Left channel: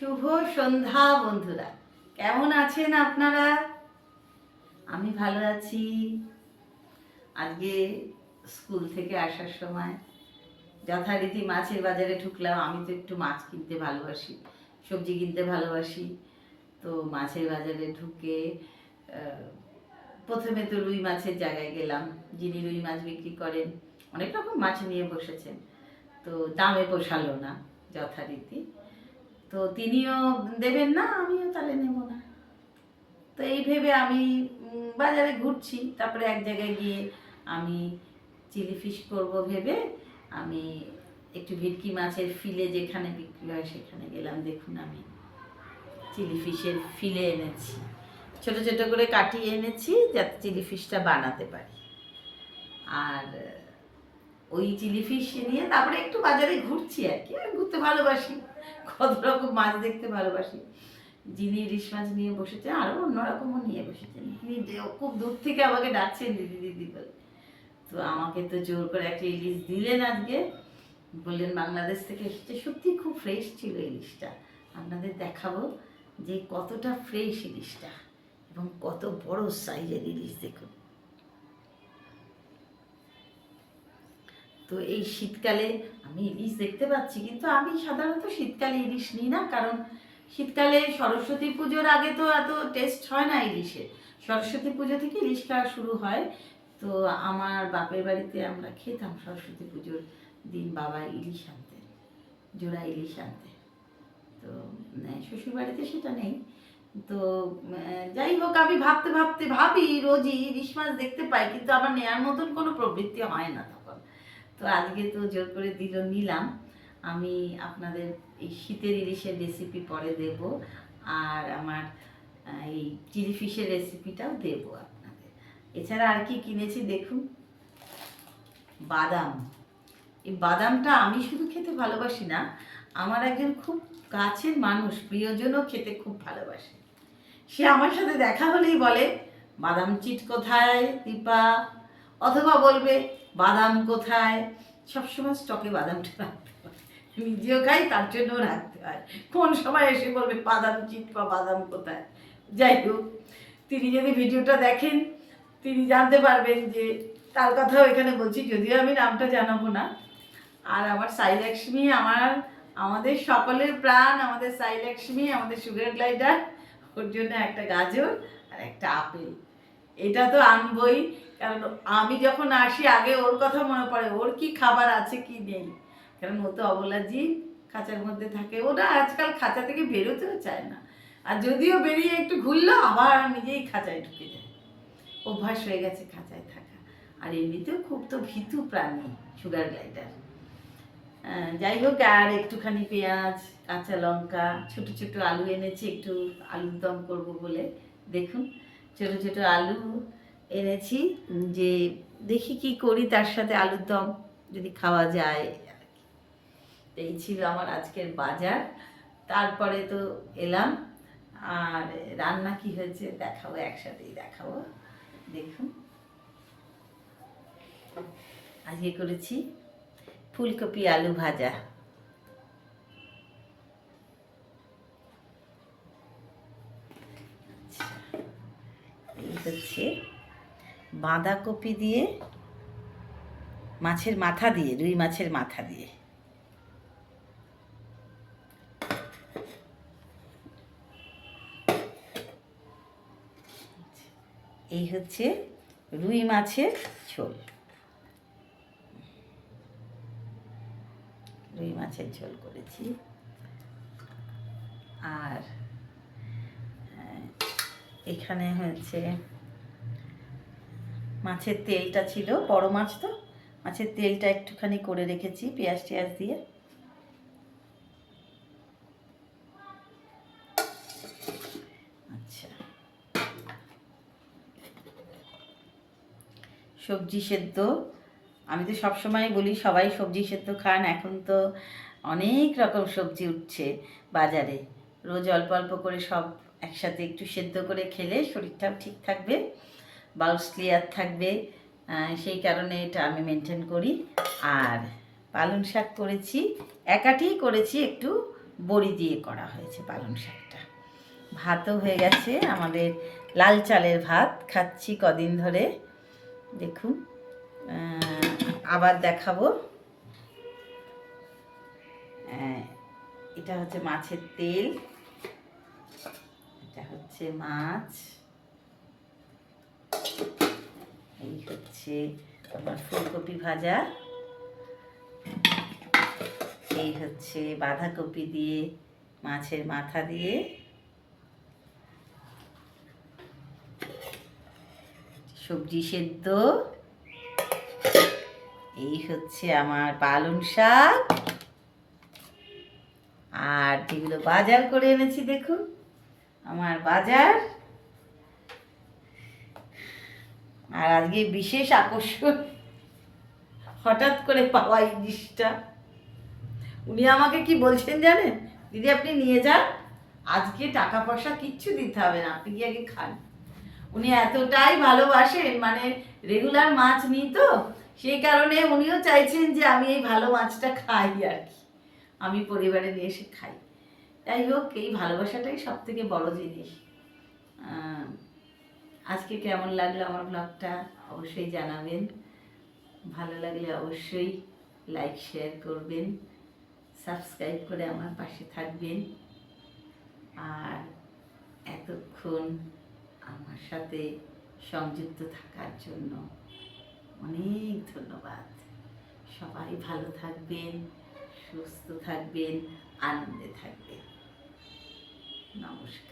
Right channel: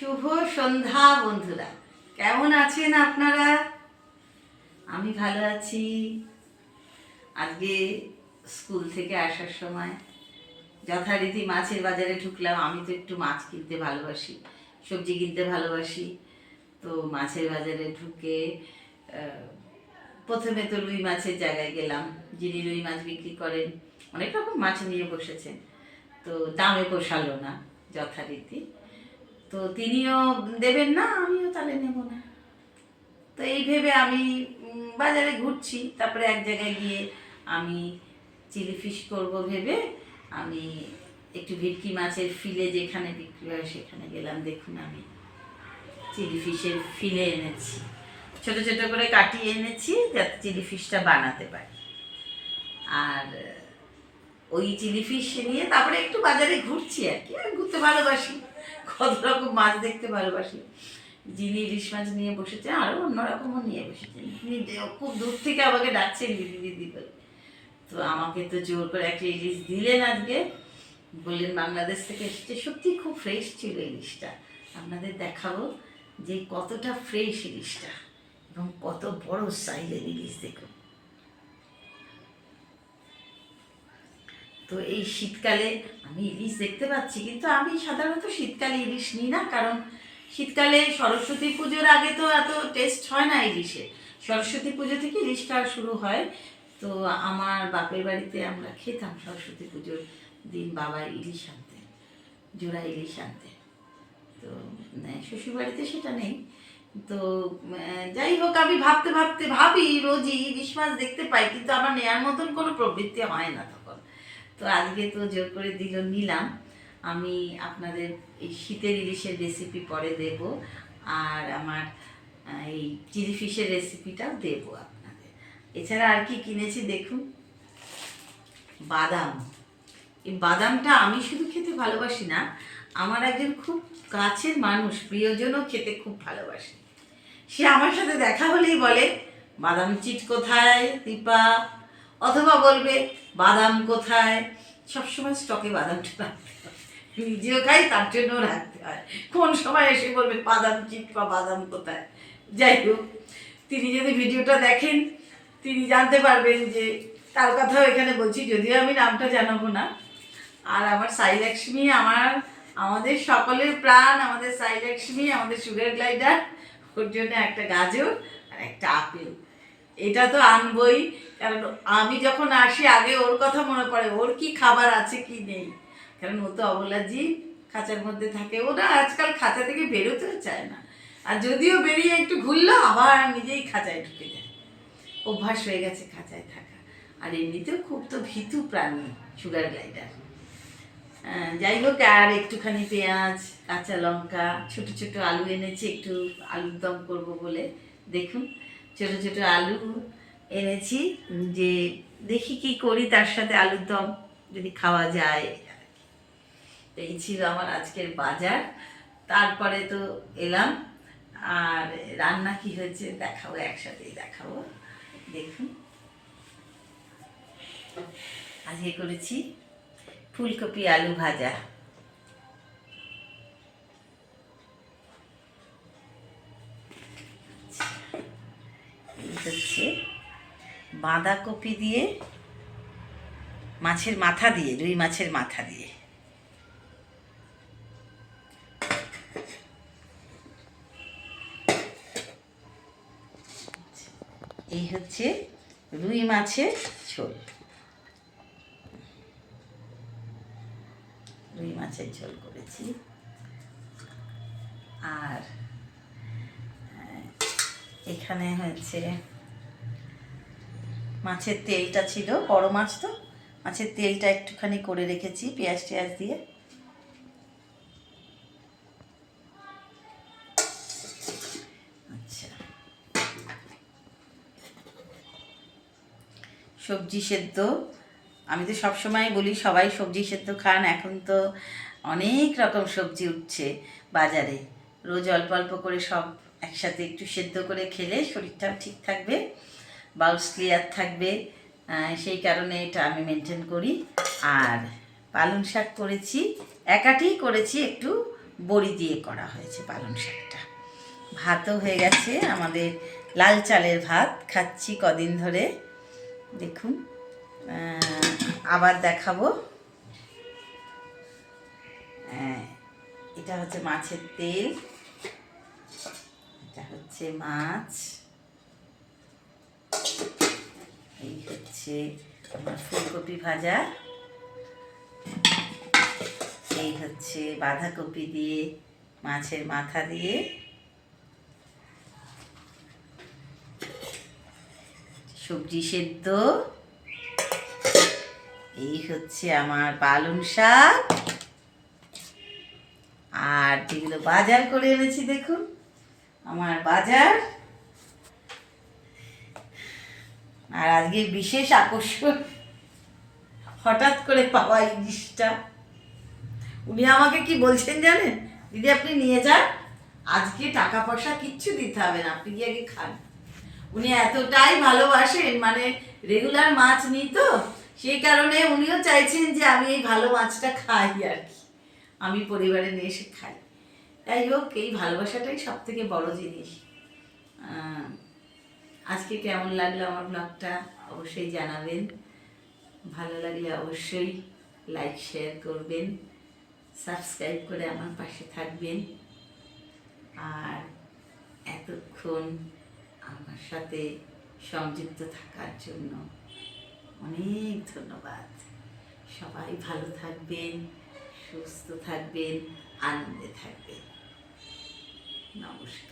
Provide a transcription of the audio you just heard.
শুভ সন্ধ্যা, বন্ধুরা। কেমন আছেন আপনারা? আমি ভালো আছি। আজকে স্কুল থেকে আসার সময় যথারীতি মাছের বাজারে ঢুকলাম। আমি তো একটু মাছ কিনতে ভালোবাসি, সবজি কিনতে ভালোবাসি। তো মাছের বাজারে ঢুকে প্রথমে তো রুই মাছের জায়গায় গেলাম। যিনি রুই মাছ বিক্রি করেন, অনেক রকম মাছ নিয়ে বসেছেন। তো দামে পোষালো না, যথারীতি। তো তিনিও দেবেন না, আমিও তাহলে নেব না। তো এই ভেবে আমি বাজারে ঘুরছি, তারপরে এক জায়গায় গিয়ে আমি চিলি ফিশ করব ভেবে আমি একটু ভেটকি মাছের ফিলে যেখানে বিক্রি হয় সেখানে গেলাম, দেখুন আমি চিলি ফিশের ফিলে এনেছি। ছোট ছোট করে কাটিয়ে এনেছি যাতে চিলি ফিশটা বানাতে পারি। আর ওই চিলি ফিশ নিয়ে তারপরে একটু বাজারে ঘুরছি আর কি ঘুরতে ভালোবাসি, কত রকম মাছ দেখতে ভালোবাসি। যিনি ইলিশ মাছ নিয়ে বসেছেন আরও অন্যরকমও নিয়ে বসেছেন। তিনি খুব দূর থেকে আমাকে ডাকছেন দিদি দিদি বলে। তো আমাকে তো জোর করে একটা ইলিশ দিলেন আজকে। বললেন, বাংলাদেশ থেকে এসেছে। সত্যি খুব ফ্রেশ ছিল ইলিশটা। আপনাদের দেখাবো যে কতটা ফ্রেশ ইলিশটা এবং কত বড় সাইজের ইলিশ দেখুন। তো এই শীতকালে আমি ইলিশ দেখতে পাচ্ছি, কিন্তু আমি সাধারণত শীতকালে ইলিশ নিই না, কারণ শীতকালে সরস্বতী পুজোর আগে তো এত টেস্ট হয় না ইলিশের। সরস্বতী পুজো থেকে ইলিশ খাওয়া শুরু হয়। তো আমার বাপের বাড়িতে আমরা খেতাম সরস্বতী পুজোর দিন বাবা ইলিশ আনতেন জোড়া ইলিশ আনতেন তো শ্বশুর বাড়িতে সেটা নেই। তো যাই হোক, আমি ভাবতে ভাবতে ভাবি, রোজই ইলিশ মাছ দেখতে পাই, কিন্তু আমার নেয়ার মতন কোনো প্রবৃত্তি হয় না তখন তো আজকে তো জোর করে দিল, নিলাম। আমি আপনাদের এই শীতের ইলিশের রেসিপি পরে দেব, আর আমার এই চিলি ফিশের রেসিপিটাও দেব আপনাদের। এছাড়া আর কি কিনেছি দেখুন? বাদাম। এই বাদামটা আমি শুধু খেতে ভালোবাসি না, আমার একজন খুব কাছের মানুষ, প্রিয়জনও খেতে খুব ভালোবাসে। সে আমার সাথে দেখা হলেই বলে, বাদাম চিট কোথায়, দীপা? অথবা বলবে, বাদাম কোথায়? সবসময় স্টকে বাদামটা রাখতে হয়। নিজেও খাই, তার জন্য রাখতে হয়। কোন সময় এসে বলবে, বাদাম চিট বা বাদাম কোথায়? যাই হোক, তিনি যদি ভিডিওটা দেখেন, তিনি জানতে পারবেন যে তার কথাও এখানে বলছি, যদিও আমি নামটা জানাব না। আর আমার সাই লক্ষ্মী আমার, আমাদের সকলের প্রাণ, আমাদের সাই লক্ষ্মী আমাদের সুগার গ্লাইডার ওর জন্য একটা গাজর আর একটা আপেল। এটা তো আনবই, কারণ আমি যখন আসি, আগে ওর কথা মনে পড়ে, ওর কি খাবার আছে, কি নেই? কারণ ও তো অবলাজি, খাঁচার মধ্যে থাকে। ওরা আজকাল খাঁচা থেকে বেরোতেও চায় না। আর যদিও বেরিয়ে একটু ঘুরলো, আবার নিজেই খাঁচায় ঢুকে যায়। অভ্যাস হয়ে গেছে খাঁচায় থাকা। আর এমনিতেও খুব তো ভীতু প্রাণী সুগার গ্লাইডার যাই হোক, আর একটুখানি পেঁয়াজ, কাঁচা লঙ্কা, ছোটো ছোটো আলু এনেছি, একটু আলুর দম করব বলে। দেখুন ছোট ছোট আলু এনেছি, যে দেখি কি করি, তার সাথে আলুর দম যদি খাওয়া যায়। এই ছিল আমার আজকের বাজার। তারপরে তো এলাম, আর রান্না কি হয়েছে দেখাবো, একসাথেই দেখাবো। দেখুন। আজকে করেছি ফুলকপি আলু ভাজা। হচ্ছে বাঁধাকপি দিয়ে মাছের মাথা দিয়ে, রুই মাছের মাথা দিয়ে। এই হচ্ছে রুই মাছের ঝোল। রুই মাছের ঝোল করেছি। এখানে হচ্ছে মাছের তেলটা ছিল, বড় মাছ তো। মাছের তেলটা একটুখানি করে রেখেছি পেঁয়াজ টেয়াজ দিয়ে। আচ্ছা। সবজি সেদ্ধ। আমি তো সবসময় বলি সবাই সবজি সেদ্ধ খান, এখন তো অনেক রকম সবজি উঠছে বাজারে। রোজ অল্প অল্প করে সব একসাথে একটু সেদ্ধ করে খেলে শরীরটাও ঠিক থাকবে, বাউলস ক্লিয়ার থাকবে সেই কারণে এটা আমি মেনটেন করি। আর পালং শাক করেছি, একাটি করেছি, একটু বড়ি দিয়ে করা হয়েছে পালং শাকটা। ভাতও হয়ে গেছে, আমাদের লাল চালের ভাত খাচ্ছি কদিন ধরে। দেখুন আবার দেখাবো। এটা হচ্ছে মাছের তেল। হচ্ছে মাছ। এই হচ্ছে ফুলকপি ভাজা। এই হচ্ছে বাঁধাকপি দিয়ে, মাছের মাথা দিয়ে। সবজি সেদ্ধ। এই হচ্ছে আমার পালং শাক। আর যেগুলো বাজার করে এনেছি, দেখুন। আমার বাজার। আর আজকে বিশেষ আকর্ষণ, হঠাৎ করে পাওয়া জিনিসটা উনি আমাকে কি বলছেন জানেন? দিদি, আপনি নিয়ে যান। আজকে টাকা পয়সা কিচ্ছু দিতে হবে না, আপনি আগে খান। উনি এতটাই ভালোবাসেন মানে রেগুলার মাছ নিই তো, সেই কারণে উনিও চাইছেন যে আমি এই ভালো মাছটা খাই আর কি। আমি পরিবারে নিয়ে এসে খাই। তাই হোক, এই ভালোবাসাটাই সব থেকে বড় জিনিস। আজকে কেমন লাগল আমার ব্লগটা অবশ্যই জানাবেন। ভালো লাগলে অবশ্যই লাইক শেয়ার করবেন। সাবস্ক্রাইব করে আমার পাশে থাকবেন। আর এতক্ষণ আমার সাথে সংযুক্ত থাকার জন্য অনেক ধন্যবাদ। সবাই ভালো থাকবেন, সুস্থ থাকবেন, আনন্দে থাকবেন। নমস্কার